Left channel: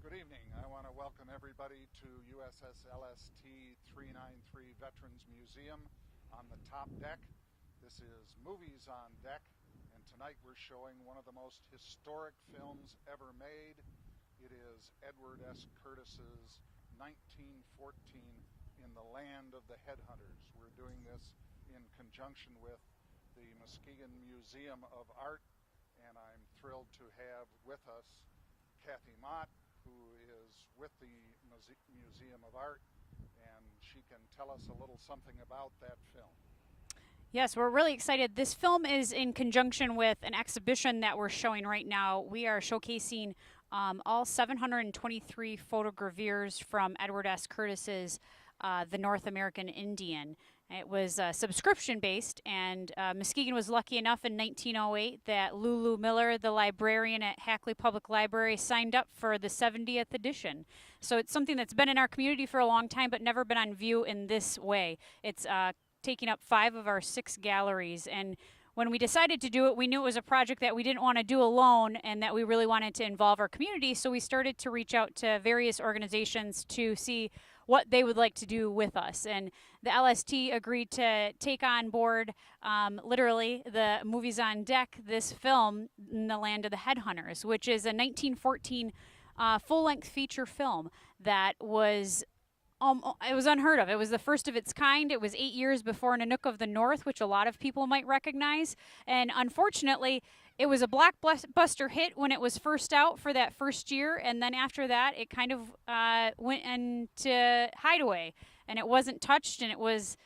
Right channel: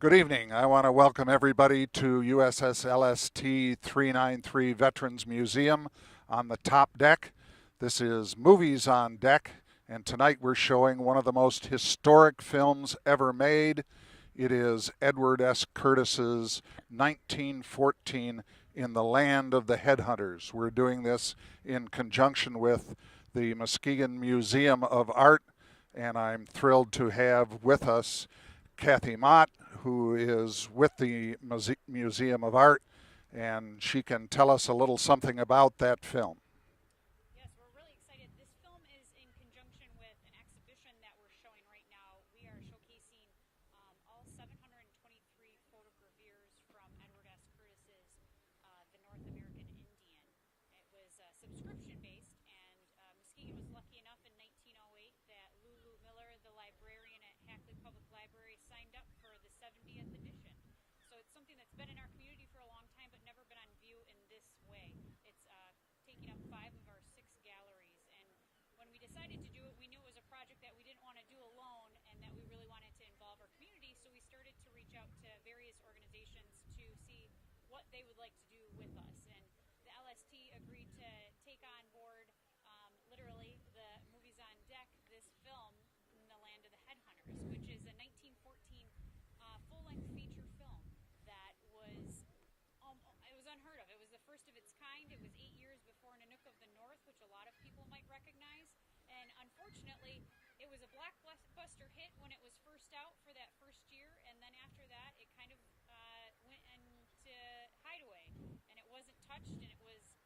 Good evening. I want to welcome everybody to USS LST 393 Veterans Museum on the top deck. This is Movies on Deck, and tonight we're showing one of the most historic films ever made. It is Edward S. Curtis's 1914 In the Land of the Headhunters. We're doing this in conjunction with the Muskegon Museum of Art, and I'm thrilled to have with us Kathy Mott, who is with the Museum of Art, and she can tell us a little something about that film. Yes, we're really excited. This film is in conjunction with an exhibition that we're showing right now. We are showcasing all 723 photogravures from Edward S. Curtis's The North American Indian. It was subscription-based, and Muskegon was lucky enough in 1908 that Lulu Miller, the librarian at Hackley Public Library, signed up for the 70th edition. So it's something that's been in our community for a long time, but never been on view in this way. It's taking up 5 of our 6 galleries, and when we decided to do it, we knew it was a project that we didn't want to do alone and that we really wanted to involve our community, so we started to reach out to various organizations to see what they would like to do with us. And the LST agreed to take on board, literally, the Movies on Deck, this film, In the Land of the Headhunters, which is a 1914 full-length feature film that was it was unheard of. It was the first of its kind. It was 8 years before Nanook of the North, which a lot of people might recognize. And unfortunately, it was a blockbuster hit when it was first out for that first year. And then after that, it kind of went into hideaway. And it wasn't touched, and it was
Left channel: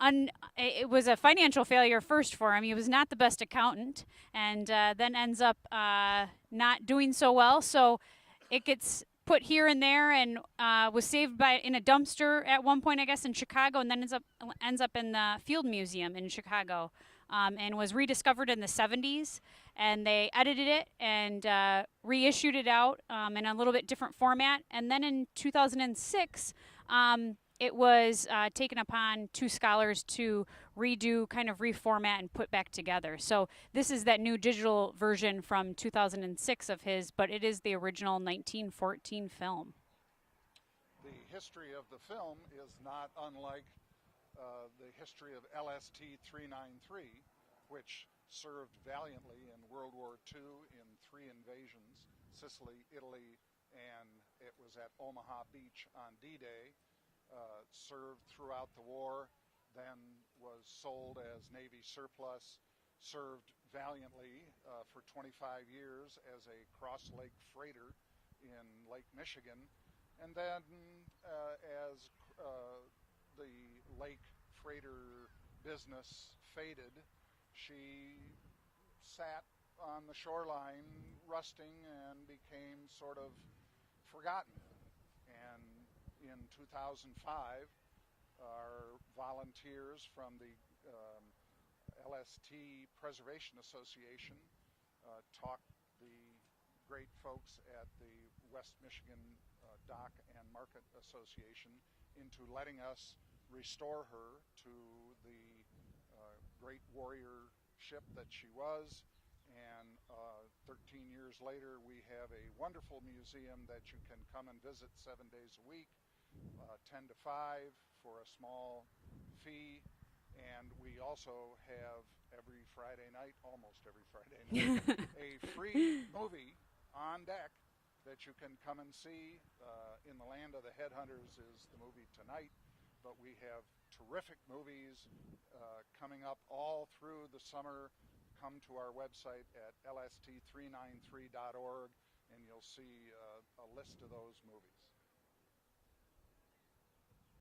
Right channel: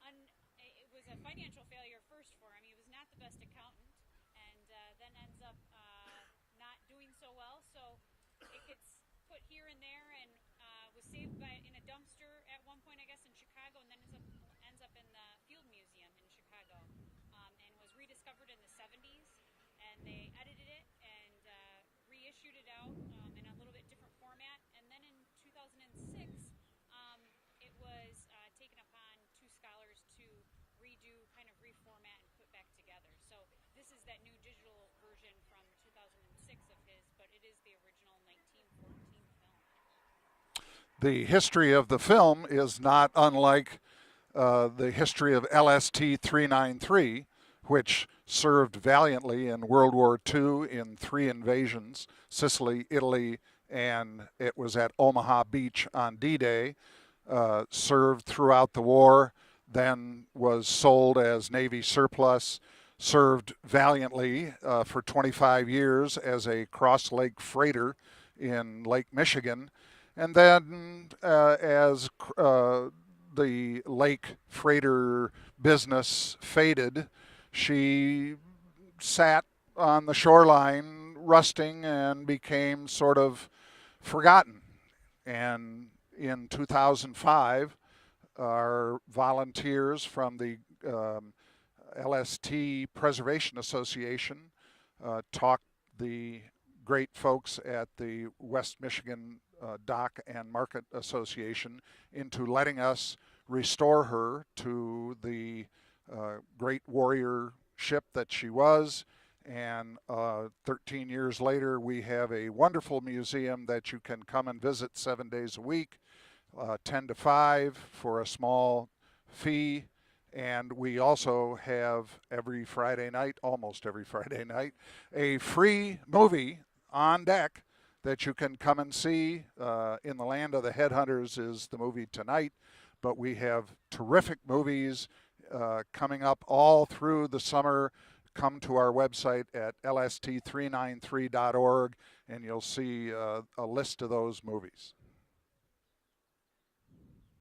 a financial failure first for him. He was not the best accountant, and then ends up not doing so well. So it gets put here and there, and was saved in a dumpster at one point, I guess, in Chicago, and then ends up in the Field Museum in Chicago, and was rediscovered in the 70s. And they edited it and reissued it out in a little bit different format. And then in 2006, it was taken upon 2 scholars to redo, kind of reformat and put back together. So this is that new digital version from 2006 of his, but it is the original 1914 film. The history of the film is not unlike the history of LST 393, which served valiantly in World War II in 3 invasions, Sicily, Italy, and it was at Omaha Beach on D-Day. Served throughout the war, then was sold as Navy surplus, served valiantly for 25 years as a cross-lake freighter in Lake Michigan, and then as the lake freighter business faded, she sat on the shoreline rusting and became sort of forgotten. And in 2005, our volunteers from the LST Preservation Association talked the great folks at the West Michigan Dock and Market Association into letting us restore her to the great warrior ship that she was. And 13 years later, we have a wonderful museum that you can come and visit 7 days a week. 10 to 5 for a small fee, and we also have every Friday night, almost every Friday night, a free movie on deck that you can come and see. In the Land of the Headhunters is the movie tonight, but we have terrific movies coming up all through the summer. Come to our website at lst393.org, and you'll see a list of those movies.